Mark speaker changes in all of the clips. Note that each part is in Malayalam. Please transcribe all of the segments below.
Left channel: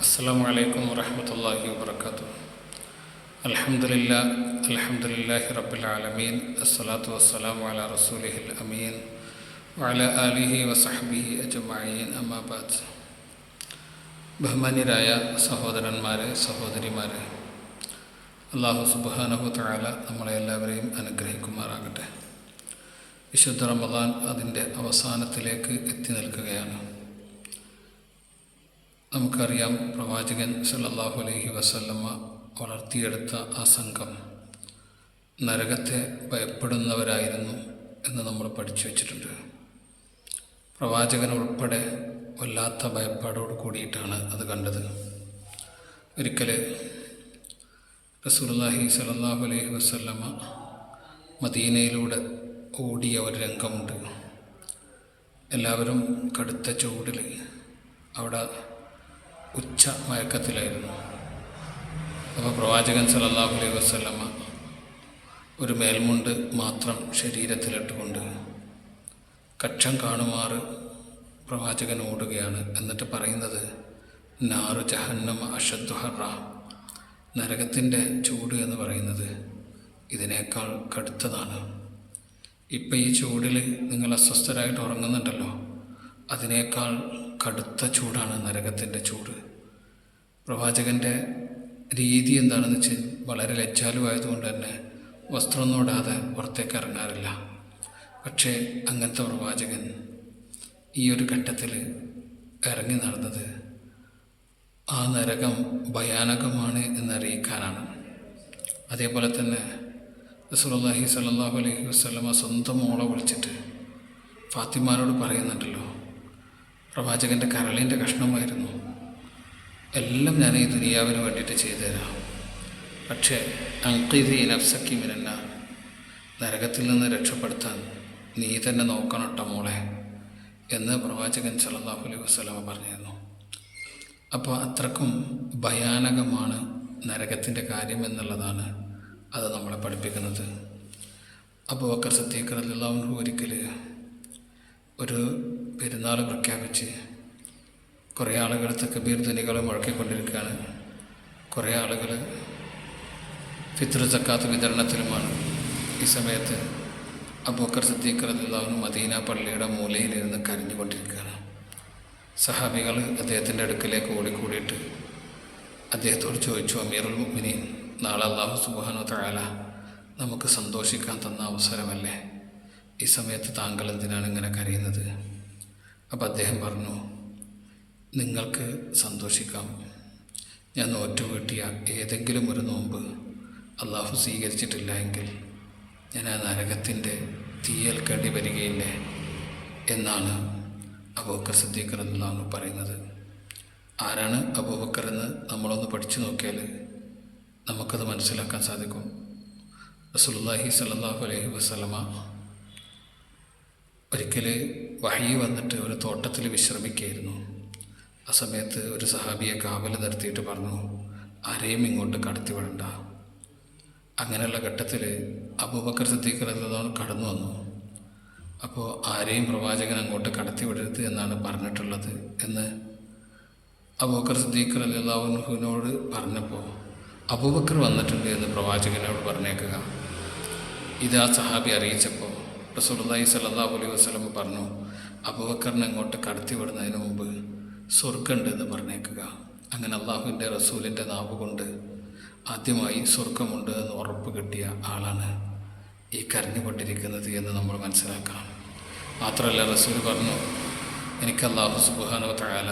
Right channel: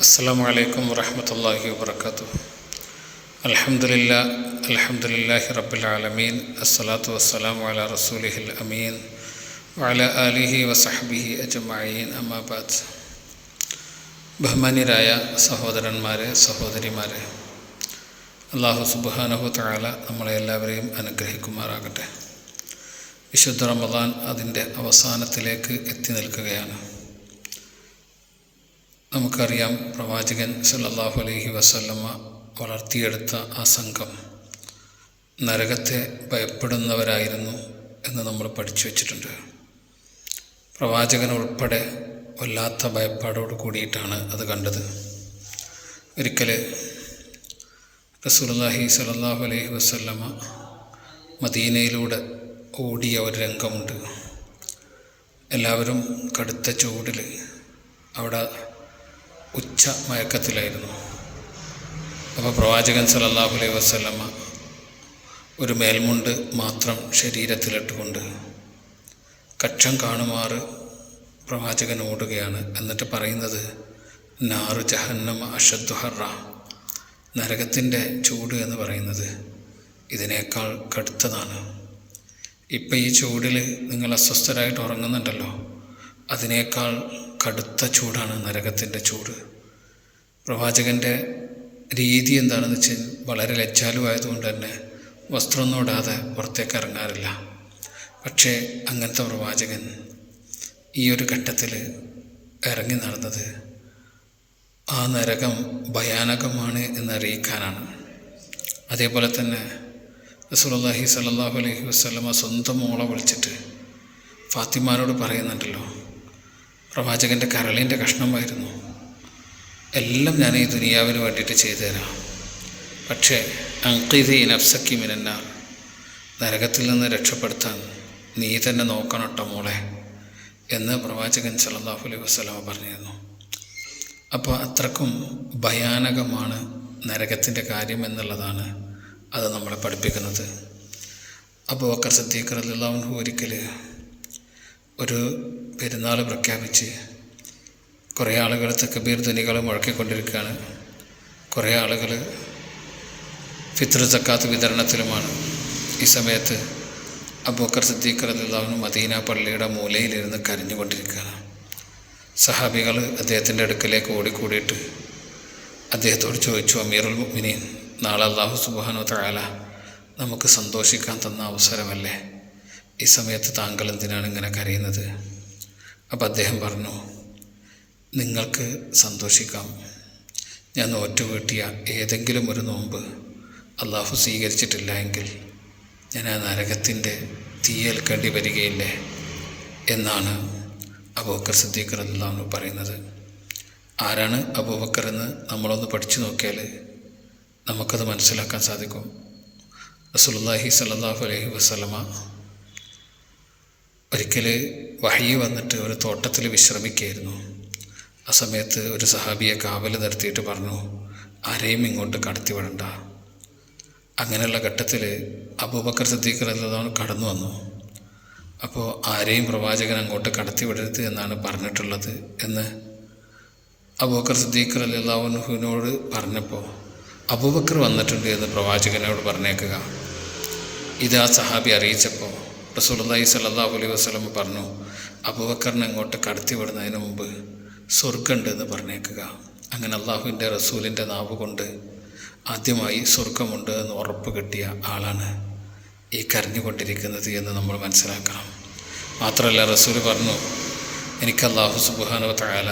Speaker 1: السلام عليكم ورحمة الله وبركاته الحمد لله الحمد لله رب العالمين الصلاة والسلام على رسوله الأمين وعلى آله وصحبه أجمعين أما بعد ബഹുമാന്യരായ സഹോദരന്മാരെ സഹോദരിമാരെ അള്ളാഹു സുബാനഹു താല നമ്മളെ എല്ലാവരെയും അനുഗ്രഹിക്കുമാറാകട്ടെ വിശുദ്ധ റമദാൻ അതിൻ്റെ അവസാനത്തിലേക്ക് എത്തി നിൽക്കുകയാണ് നമുക്കറിയാം പ്രവാചകൻ സല്ലാഹു അലഹി വസല്ലമ്മ വളർത്തിയെടുത്ത ആ സംഘം നരകത്തെ ഭയപ്പെടുന്നവരായിരുന്നു എന്ന് നമ്മൾ പഠിച്ചു വച്ചിട്ടുണ്ട്. പ്രവാചകൻ ഉൾപ്പെടെ വല്ലാത്ത ഭയപ്പാടോട് കൂടിയിട്ടാണ് അത് കണ്ടത്. ഒരിക്കൽ റസൂലുള്ളാഹി സലാഹു അലൈഹി വസല്ലമ മദീനയിലൂടെ ഓടിയ ഒരു രംഗമുണ്ട്. എല്ലാവരും കടുത്ത ചൂടിൽ അവിടെ ഉച്ച മയക്കത്തിലായിരുന്നു. അപ്പോൾ പ്രവാചകൻ സലല്ലാഹു അലൈഹി വസല്ലമ ഒരു മേൽമുണ്ട് മാത്രം ശരീരത്തിലിട്ടുകൊണ്ട് കക്ഷം കാണുമാറ് പ്രവാചകൻ ഓടുകയാണ്. എന്നിട്ട് പറയുന്നത് നാറ് ജഹന്നം അഷദ്ഹറ ഹറ. നരകത്തിന്റെ ചൂട് എന്ന് പറയുന്നത് ഇതിനേക്കാൾ കടുത്തതാണ്. ഇപ്പം ഈ ചൂടിൽ നിങ്ങൾ അസ്വസ്ഥരായിട്ട് ഉറങ്ങുന്നുണ്ടല്ലോ. അതിനേക്കാൾ കടുത്ത ചൂടാണ് നരകത്തിന്റെ ചൂട്. പ്രവാചകന്റെ രീതി എന്താണെന്ന് വെച്ചാൽ വളരെ ലജ്ജാലുവായതുകൊണ്ട് തന്നെ വസ്ത്രമൊന്നും ഇടാതെ പുറത്തേക്ക് ഇറങ്ങാറില്ല. പക്ഷേ അങ്ങനത്തെ പ്രവാചകൻ ഈ ഒരു ഘട്ടത്തിൽ ഇറങ്ങി നടന്നത് ആ നരകം ഭയാനകമാണ് എന്നറിയിക്കാനാണ്. അതേപോലെ തന്നെ റസൂലുള്ളാഹി സ്വല്ലല്ലാഹു അലൈഹി വസല്ലമ സ്വന്തം മോളെ വിളിച്ചിട്ട് ഫാത്തിമാനോട് പറയുന്നുണ്ടല്ലോ പ്രവാചകന്റെ കരളിന്റെ കഷ്ണമായിരുന്നു. എല്ലാം ഞാൻ ഈ ദുനിയാവിന് വേണ്ടിയിട്ട് ചെയ്തു തരാം പക്ഷേ അങ്കിതി നഫ്സക്കി മിനന്നാർ നരകത്തിൽ നിന്ന് രക്ഷപ്പെടുത്താൻ നീ തന്നെ നോക്കണട്ടോ മോളെ എന്ന് പ്രവാചകൻ സല്ലല്ലാഹു അലൈഹി വസ്ലാമ പറഞ്ഞിരുന്നു. അപ്പോൾ അത്രക്കും ഭയാനകമാണ് നരകത്തിന്റെ കാര്യം എന്നുള്ളതാണ് അത് നമ്മളെ പഠിപ്പിക്കുന്നത്. അപ്പോൾ ബക്കർ സദ്ദീഖ് റളിയല്ലാഹു ഒരിക്കൽ ഒരു പെരുന്നാൾ പ്രഖ്യാപിച്ച് കുറേ ആളുകൾ തക്കബീർ ധനികൾ മുഴക്കിക്കൊണ്ടിരിക്കുകയാണ്. കുറേ ആളുകൾ ഫിത്ർ സക്കാത്ത് വിതരണത്തിലുമാണ്. ഈ സമയത്ത് അബൂക്കർ സിദ്ദീഖ് റളിയല്ലാഹു മദീന പള്ളിയുടെ മൂലയിലിരുന്ന് കരഞ്ഞുകൊണ്ടിരിക്കുകയാണ്. സഹാബികൾ അദ്ദേഹത്തിന്റെ അടുക്കലേക്ക് ഓടിക്കൂടിയിട്ട് അദ്ദേഹത്തോട് ചോദിച്ചു അമീറുൽ മുഅ്മിനീൻ നാളെ അള്ളാഹു സുബാനോ തആല നമുക്ക് സന്തോഷിക്കാൻ തന്ന അവസരമല്ലേ? ഈ സമയത്ത് താങ്കൾ എന്തിനാണ് ഇങ്ങനെ കരയുന്നത്? അപ്പം അദ്ദേഹം പറഞ്ഞു നിങ്ങൾക്ക് സന്തോഷിക്കാം. ഞാൻ നോറ്റുവീട്ടിയ ഏതെങ്കിലും ഒരു നോമ്പ് അള്ളാഹു സ്വീകരിച്ചിട്ടില്ല എങ്കിൽ ഞാൻ ആ നരകത്തിന്റെ തീയേൽക്കേണ്ടി വരികയില്ലേ? എന്നാണ് അബൂബക്കർ സിദ്ദീഖർ റളിയല്ലാഹു പറയുന്നത്. ആരാണ് അബൂബക്കർ എന്ന് നമ്മളൊന്ന് പഠിച്ചു നോക്കിയാൽ നമുക്കത് മനസ്സിലാക്കാൻ സാധിക്കും. റസൂലുള്ളാഹി സ്വല്ലല്ലാഹു അലൈഹി വസല്ലമ ഒരിക്കൽ വഹി വന്നിട്ട് ഒരു തോട്ടത്തിൽ വിശ്രമിക്കുകയായിരുന്നു. ആ സമയത്ത് ഒരു സഹാബിയെ കാവൽ നിർത്തിയിട്ട് പറഞ്ഞു ആരെയും ഇങ്ങോട്ട് കടത്തി വിടണ്ട. അങ്ങനെയുള്ള ഘട്ടത്തിൽ അബൂബക്കർ സിദ്ദീഖർ എന്നതാണ് കടന്നു വന്നു. അപ്പോൾ ആരെയും പ്രവാചകൻ അങ്ങോട്ട് കടത്തി വിടരുത് എന്നാണ് പറഞ്ഞിട്ടുള്ളത് എന്ന് അബൂബക്കർ സിദ്ദീഖർ അല്ലാഹുനോട് പറഞ്ഞപ്പോൾ അബൂബക്കർ വന്നിട്ടുണ്ട് എന്ന് പ്രവാചകനോട് പറഞ്ഞേക്കുക. ഇത് ആ സഹാബി അറിയിച്ചപ്പോൾ റസൂലുള്ളാഹി സ്വല്ലല്ലാഹു അലൈഹി വസല്ലം പറഞ്ഞു അബുബക്കറിനെ അങ്ങോട്ട് കടത്തി വിടുന്നതിന് മുമ്പ് സ്വർഗമുണ്ട് എന്ന് പറഞ്ഞേക്കുക. അങ്ങനെ അള്ളാഹുവിന്റെ റസൂലിന്റെ നാവ് കൊണ്ട് ആദ്യമായി സ്വർഗമുണ്ട് എന്ന് ഉറപ്പ് കിട്ടിയ ആളാണ് ഈ കരഞ്ഞുകൊണ്ടിരിക്കുന്നത് എന്ന് നമ്മൾ മനസ്സിലാക്കണം. മാത്രമല്ല റസൂൽ പറഞ്ഞു എനിക്ക് അള്ളാഹു സുബാനോ തയാല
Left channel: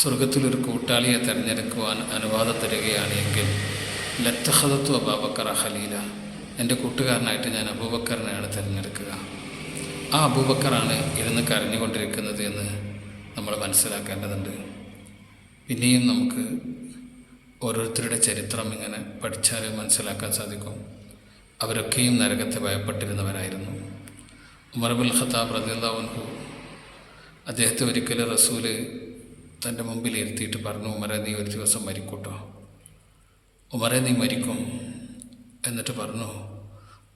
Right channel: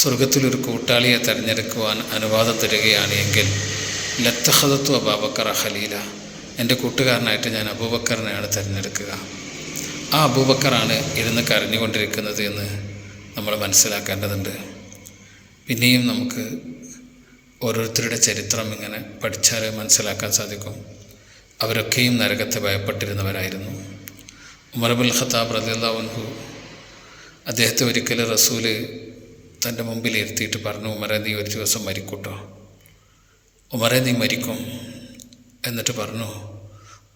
Speaker 1: സ്വർഗത്തിലൊരു കൂട്ടാളിയെ തിരഞ്ഞെടുക്കുവാൻ അനുവാദം തരികയാണ് എങ്കിൽ ലത്തഹദത്വ ബാബക്കറ ഖലീല. എന്റെ കൂട്ടുകാരനായിട്ട് ഞാൻ അബൂബക്കറിനെയാണ് തിരഞ്ഞെടുക്കുക. ആ അബൂബക്കറാണ് ഇരുന്ന് കരഞ്ഞുകൊണ്ടിരിക്കുന്നത് എന്ന് നമ്മൾ മനസ്സിലാക്കേണ്ടതുണ്ട്. പിന്നെയും നമുക്ക് ഓരോരുത്തരുടെ ചരിത്രം ഇങ്ങനെ പഠിച്ചാൽ മനസ്സിലാക്കാൻ സാധിക്കും. അവരൊക്കെയും നരകത്തെ ഭയപ്പെട്ടിരുന്നവരായിരുന്നു. ഉമർബുൽ ഖത്താബ് റലിയല്ലാവുൻഹു അദ്ദേഹത്തെ ഒരിക്കൽ റസൂൽ തന്റെ മുമ്പിൽ ഇരുത്തിയിട്ട് പറഞ്ഞു ഉമറെ നീ ഒരു ദിവസം മരിക്കൂട്ടോ. ഉമറെ നീ മരിക്കും. എന്നിട്ട് പറഞ്ഞു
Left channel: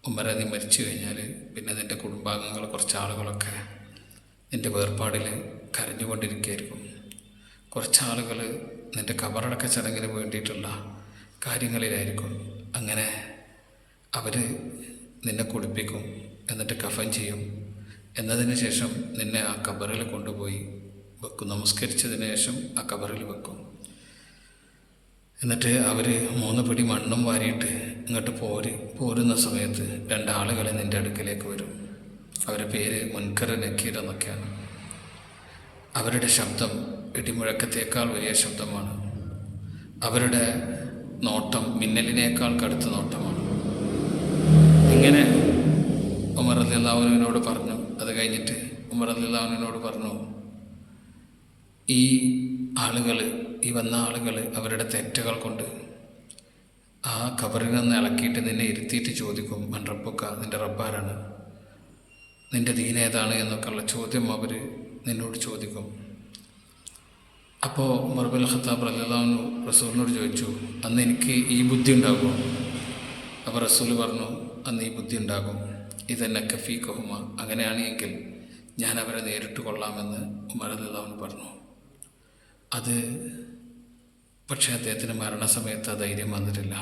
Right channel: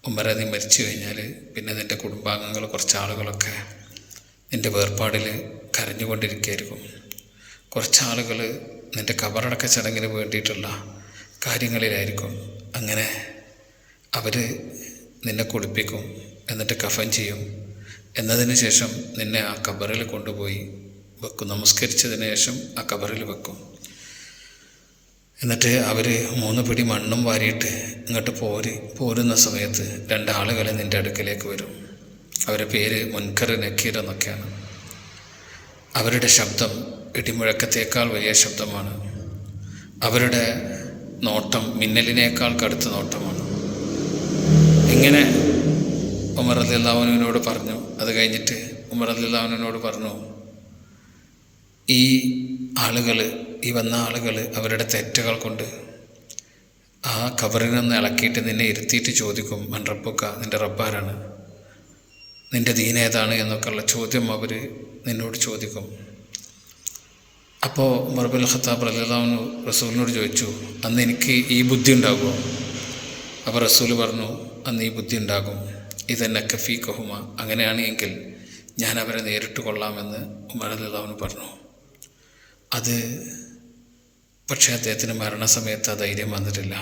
Speaker 1: ഉമ്മര നീ മരിച്ചു കഴിഞ്ഞാൽ പിന്നെ നിന്റെ കുടുംബാംഗങ്ങൾ കുറച്ച് ആളുകളൊക്കെ നിന്റെ വേർപാടിൽ കരഞ്ഞുകൊണ്ടിരിക്കുകയായിരിക്കും. കുറച്ച് ആളുകൾ നിന്റെ കബറടക്ക ചടങ്ങിന് വേണ്ടിയിട്ടുള്ള കാര്യങ്ങളിലായിരിക്കും. അങ്ങനെ അവർ നിന്നെ കുളിപ്പിക്കും എന്നിട്ട് കഫൻ ചെയ്യും. എന്നതിന് ശേഷം നിന്നെ ആ കബറിൽ കൊണ്ടുപോയി വെക്കും. നമസ്കരിച്ചതിന് ശേഷം ആ കബറിൽ വെക്കും. എന്നിട്ട് അവർ മൂന്ന് പിടി മണ്ണും വാരിയിട്ട് ഇങ്ങോട്ട് പോര് പോരുന്ന സമയത്ത് രണ്ടാളുകൾ നിന്റെ അടുക്കലേക്ക് വരും. അവരുടെ പേര് മുൻകർ നക്കീർ എന്നൊക്കെയാണ്. അവരുടെ ശബ്ദം ഇടിമുഴക്കത്തേക്കാൾ വലിയ ശബ്ദമാണ്. അവരുടെ നോട്ടം മിന്നലിനേക്കാൾ കടുത്ത നോട്ടമാണ്. ഇങ്ങനെ ഉമർ അലിള്ളാഹുവിനോട് പറഞ്ഞു അത് കഴിഞ്ഞിട്ട് ഉമർ അലിള്ളാഹുവിനോട് പറഞ്ഞു ഈ ആളുകൾ ഈ വന്ന ആളുകൾ അവരുടെ തെറ്റുകൾ കൊണ്ട് ആ കവറിൽ നിന്ന് ഇളക്കിയിട്ട് നിന്നെ ഇരുത്തിയിട്ട് ചോദിക്കും മൻ റബ്ബുക്ക നിന്റെ റബ്ബാരാണ്? നിന്റെ ദീനേതാണ് എന്നൊക്കെയുള്ള ചോദ്യം അവർ നിന്നോട് ചോദിക്കും. അപ്പോൾ മറുബൽ ഖത്താബ് റലിതാവിന് റസൂലിനോട് ചോദിച്ചു അന്ന് എനിക്ക് ഈ ബുദ്ധി ഉണ്ടാകുമോ? അപ്പോൾ റസൂൽ പറഞ്ഞു അന്ന് ഈ ബുദ്ധി ഉണ്ടാകും. ഇതെന്നെ കഫീ കഹുമ അങ്ങനെയാണെങ്കിൽ ഞാൻ അവരെ നേരിട്ട് കൊള്ളാമെന്ന് ഉമർ അലിതാവിന് പറഞ്ഞു. അത് പക്ഷേ അദ്ദേഹത്തിന് മരണസമയത്ത് ആ ധൈര്യം വന്നിട്ടില്ല.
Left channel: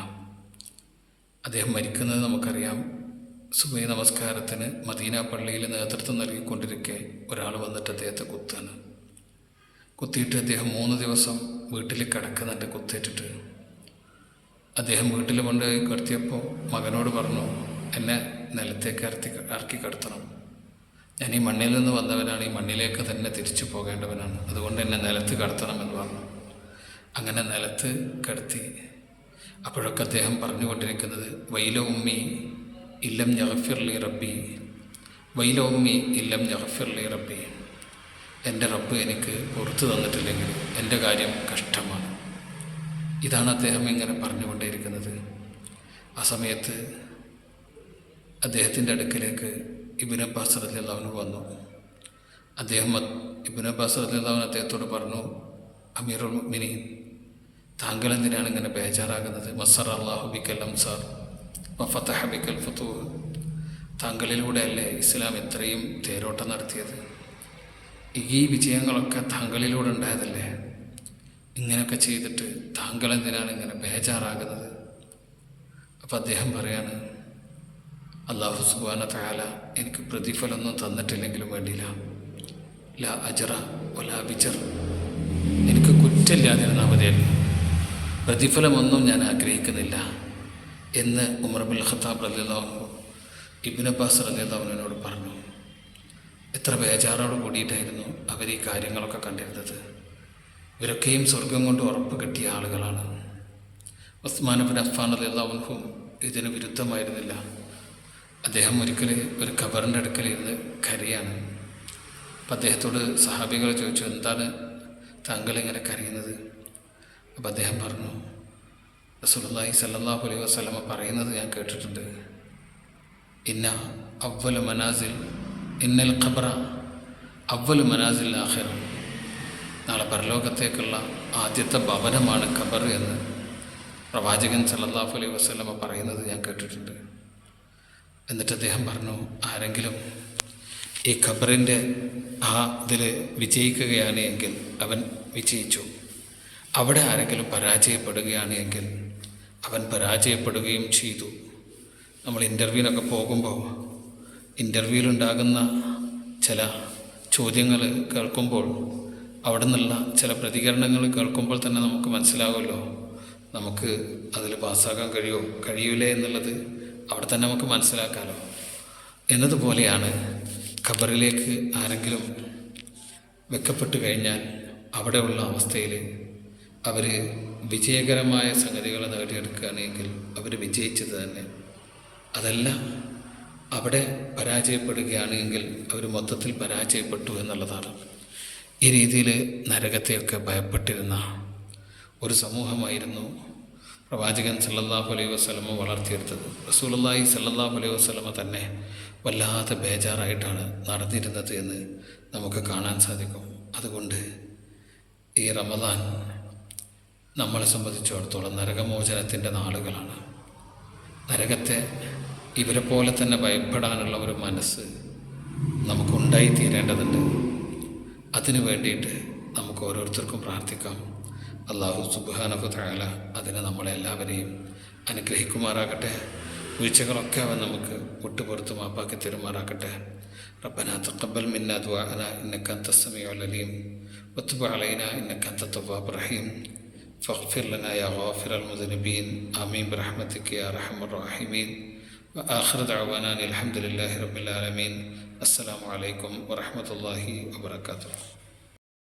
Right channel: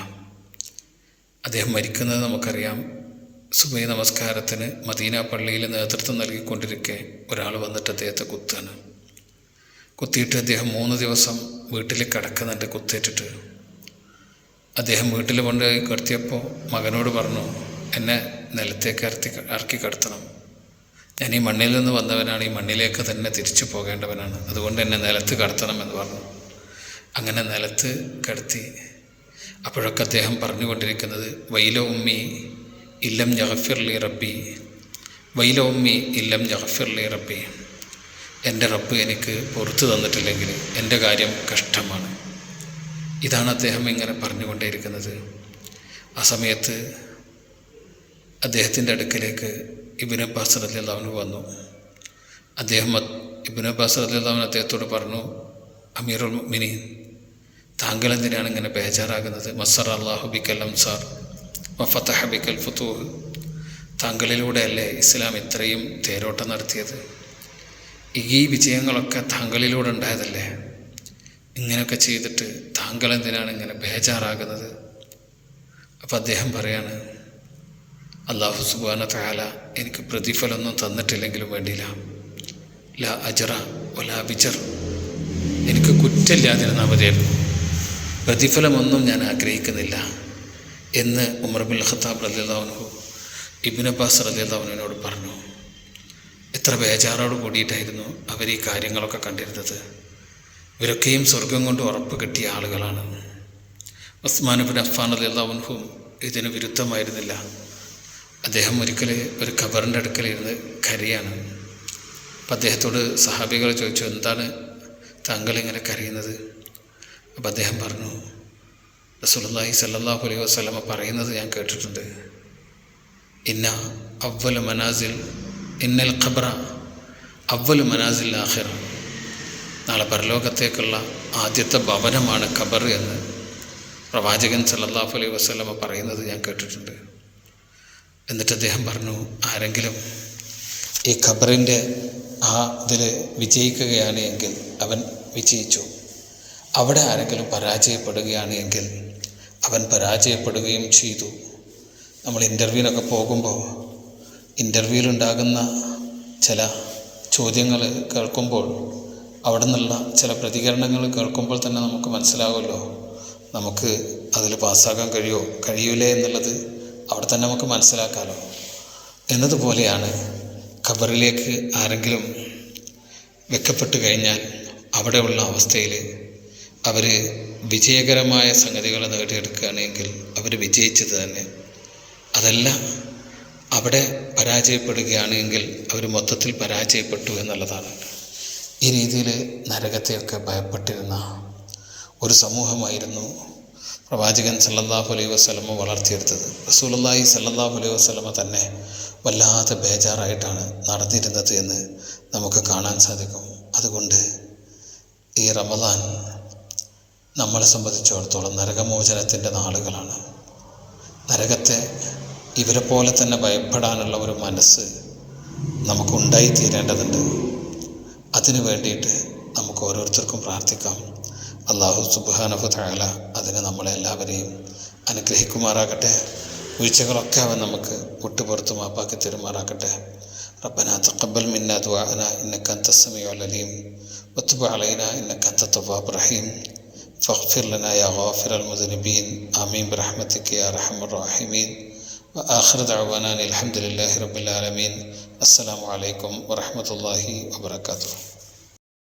Speaker 1: അദ്ദേഹം മരിക്കുന്നത് നമുക്കറിയാം. സുബൈ നമസ്കാരത്തിന് മദീന പള്ളിയിൽ നേതൃത്വം നൽകിക്കൊണ്ടിരിക്കെ ഒരാൾ വന്നിട്ട് അദ്ദേഹത്തെ കുത്താണ്. കുത്തിയിട്ട് അദ്ദേഹം മൂന്ന് ദിവസം വീട്ടിൽ കിടക്കുന്നുണ്ട് കുത്തേറ്റിട്ട് അദ്ദേഹം വീട്ടിൽ കൊണ്ട് കിടത്തിയപ്പോൾ മകനോട് പറഞ്ഞു എന്നെ നിലത്തേക്ക് ഇറത്തി ഇറക്കി കിടത്തണം. ഞാൻ ഈ മണ്ണിൽ നിന്ന് വന്നവനാണ് ഈ മണ്ണിലേക്ക് തന്നെ തിരിച്ചു പോകേണ്ടവനാണ്. അതുകൊണ്ട് എന്നെ നിലത്ത് കടത്തണം എന്ന് പറഞ്ഞു. അങ്ങനെ നിലത്ത് കടത്തി. അപ്പോഴൊക്കെ അദ്ദേഹം പറഞ്ഞുകൊണ്ടിരിക്കുന്നത് വൈല ഉമ്മി ഇല്ലം ജഹഫിർലി റബ്ബി. വൈല ഉമ്മി ഇല്ലം ജഹഫിർലി റബ്ബി. എന്റെ റബ്ബ് എനിക്ക് പുറത്തു തന്നിട്ടില്ലെങ്കിൽ എന്റെ കാര്യം കഷ്ടമാണ്. ഇതാണ് അദ്ദേഹം ഇങ്ങനെ പറഞ്ഞുകൊണ്ടേയിരിക്കുന്നത്. ആ സമയത്ത് അദ്ദേഹത്തിന്റെ അടുക്കലേക്ക് ഇബിൻ അബ്ബാസ് റലിയല്ലാവിന് വന്നു. അദ്ദേഹം ഇബിൻ അബ്ബാസ് റലിയല്ലാവിൻ അദ്ദേഹത്തോട് പറഞ്ഞു അമീറുൽ മിനി താങ്കൾ എന്തിനാണ് ഇങ്ങനെ ബേജാറാകുന്നത്? മസർ അള്ളാഹു ബിക്കൽ അംസാർ വഫത്തഹ ബിക്കൽ ഫത്തൂഹ് താങ്കളിലൂടെയല്ലേ ഇസ്ലാം ഇത്രയും തേരോട്ടം നടത്തിയത്? ഈ വിജയങ്ങളൊക്കെ താങ്കളിലൂടെ ഉണ്ടായതല്ലേ? ഇങ്ങനെയൊക്കെ ചെയ്തിട്ട് താങ്കൾ എന്തിനാണ് ഇങ്ങനെ ബേജാറാകുന്നത്? അപ്പം അദ്ദേഹം പറയാണ് അള്ളാഹു സുബാന താല എനിക്ക് പ്രതിഫലമൊന്നും തന്നിട്ടില്ലെങ്കിലും വേണ്ടിയില്ല. ല അജറ ഒല ബിജർ എനിക്ക് കുറ്റമില്ലാതിരുന്നാൽ മതിയായിരുന്നു. പ്രതിഫലമൊന്നും ഞാൻ ആഗ്രഹിക്കുന്നില്ല. എന്ന് ഉമർ ബിൻ ഖത്താബ് റലിതാവനു ഇബിൻ അബ്ബാസ് റലിതാവനോട് പറഞ്ഞു. എത്ര ബേജാറോട് കൂടിയിട്ടായിരുന്നു അവർ ഈ കാര്യങ്ങളൊക്കെ കണ്ടിരുന്നത്. ഇവരൊക്കെയും സ്വർഗം കൊണ്ട് ഉറപ്പ് കിട്ടിയ ആളുകളാണ്. ഉസ്മാൻ ബിൻ അഫ്ഫാൻ അലി അള്ളാഹുഹും ഇതിന് വിരുദ്ധമായിരുന്നില്ല. അദ്ദേഹം ഒരിക്കൽ ഒരു ഖബറിന്റെ അടുക്കലിരുന്ന് കരയാണ്. അപ്പം അദ്ദേഹത്തോട് സഹാബികൾ ചോദിച്ചു എന്താണ് താങ്കൾ ഇങ്ങനെ കരയുന്നത്? അപ്പം അദ്ദേഹം പറഞ്ഞു റസൂലുള്ളാഹി സല്ലാഹു അലൈഹി വസ്ലമ പറയുന്നത് ഞാൻ കേട്ടിട്ടുണ്ട്. ഇന്ന അവൽ മനാസിൽ ഇന്നൽ ഖബ്ര അവൽ മനാസിൽ ആഹിറ നാളെ പരലോകത്തേക്കുള്ള ആദ്യത്തെ ഭവനമാണ് ഖബർ എന്ന് പ്രവാചകൻ സല്ലാഹു അലൈഹി വസ്ലമ പറയുന്നത് ഞാൻ കേട്ടിട്ടുണ്ട്. എന്നിട്ട് അദ്ദേഹം പറഞ്ഞു ആരെങ്കിലും ഈ ഖബറിന്റെ ആ ഇതിൽ വിജയിക്കുകയാണ് എങ്കിൽ അവൻ വിജയിച്ചു. അവിടെ ആരെങ്കിലും പരാജയപ്പെടുകയാണ് എങ്കിൽ അവൻ പരാജയപ്പെടുകയും ചെയ്തു. നമ്മൾ ഇന്റർവ്യൂവിനൊക്കെ പോകുമ്പോൾ ഇന്റർവ്യൂവിലുണ്ടാകുന്ന ചില ചോദ്യങ്ങൾ കേൾക്കുമ്പോൾ അവിടെ നിന്നുള്ള ചില പ്രതികരണങ്ങൾ കേൾക്കുമ്പോൾ തന്നെ നമുക്ക് മനസ്സിലാകുമല്ലോ നമുക്ക് അതിൽ പാസ്സാക്കാൻ കഴിയുമോ കഴിയൂലേ എന്നുള്ളത്. അവിടെ തന്നെ നമുക്ക് മനസ്സിലാക്കാമല്ലോ എന്നതുപോലെയാണ് ഖബറിലേക്ക് ആരെങ്കിലും വെക്കപ്പെട്ട് കഴിഞ്ഞാൽ അവിടെയുള്ള അവസ്ഥയിൽ അവർ വിജയകരമായ സംഗതികൾ നേടിയെടുക്കുകയാണെങ്കിൽ അവർ വിജയിച്ചത് തന്നെ. അതല്ല അവിടെ പരാജയപ്പെടുകയാണെങ്കിൽ അവർ മൊത്തത്തിൽ പരാജയപ്പെട്ടു എന്നുള്ളതാണ്. ഈ രീതിയിൽ നരകത്തെയൊക്കെ ഭയപ്പെട്ടിരുന്ന ഒരു സമൂഹമായിരുന്നു പ്രവാചകൻ സല്ലല്ലാഹു അലൈഹി വസ്ലമ വളർത്തിയെടുത്തത്. റസൂലുള്ളാഹി സല്ലല്ലാഹു അലൈഹി വസ്ലമ തന്നെ വല്ലാതെ ബേജാറായിട്ടാണ് നടന്നിരുന്നത് എന്ന് നമുക്ക് കാണാൻ സാധിക്കും. അതുകൊണ്ട് ഈ റമദാൻ നമ്മളെ സംബന്ധിച്ചിടത്തോളം നരകമോചനത്തിന്റെ നാളുകളാണ്. നരകത്തെ ഇവരെ പോലെ തന്നെ ഭയപ്പെടാനുള്ള ഒരു മനസ്സ് നമുക്കുണ്ടായി തീരേണ്ടതുണ്ട് അതിനു വേണ്ടിയിട്ട് നമുക്ക് ഓരോരുത്തർക്കും പ്രാർത്ഥിക്കാം. അള്ളാഹു സുബാനഹു താല അതിന് നമ്മളെല്ലാവരെയും അനുഗ്രഹിക്കുമാറാകട്ടെ വീഴ്ചകളൊക്കെ അവൻ നമുക്ക് വിട്ടുപുറത്ത് മാപ്പാക്കി തരുമാറാകട്ടെ ربنا تقبل منا دعاءنا إنك أنت السميع العليم وتب علينا إنك أنت التواب الرحيم فاغفر لنا يا غافر المذنبين آمين برحمتك يا أرحم الراحمين وآخر دعوانا الحمد لله رب العالمين السلام عليكم ورحمة الله وبركاته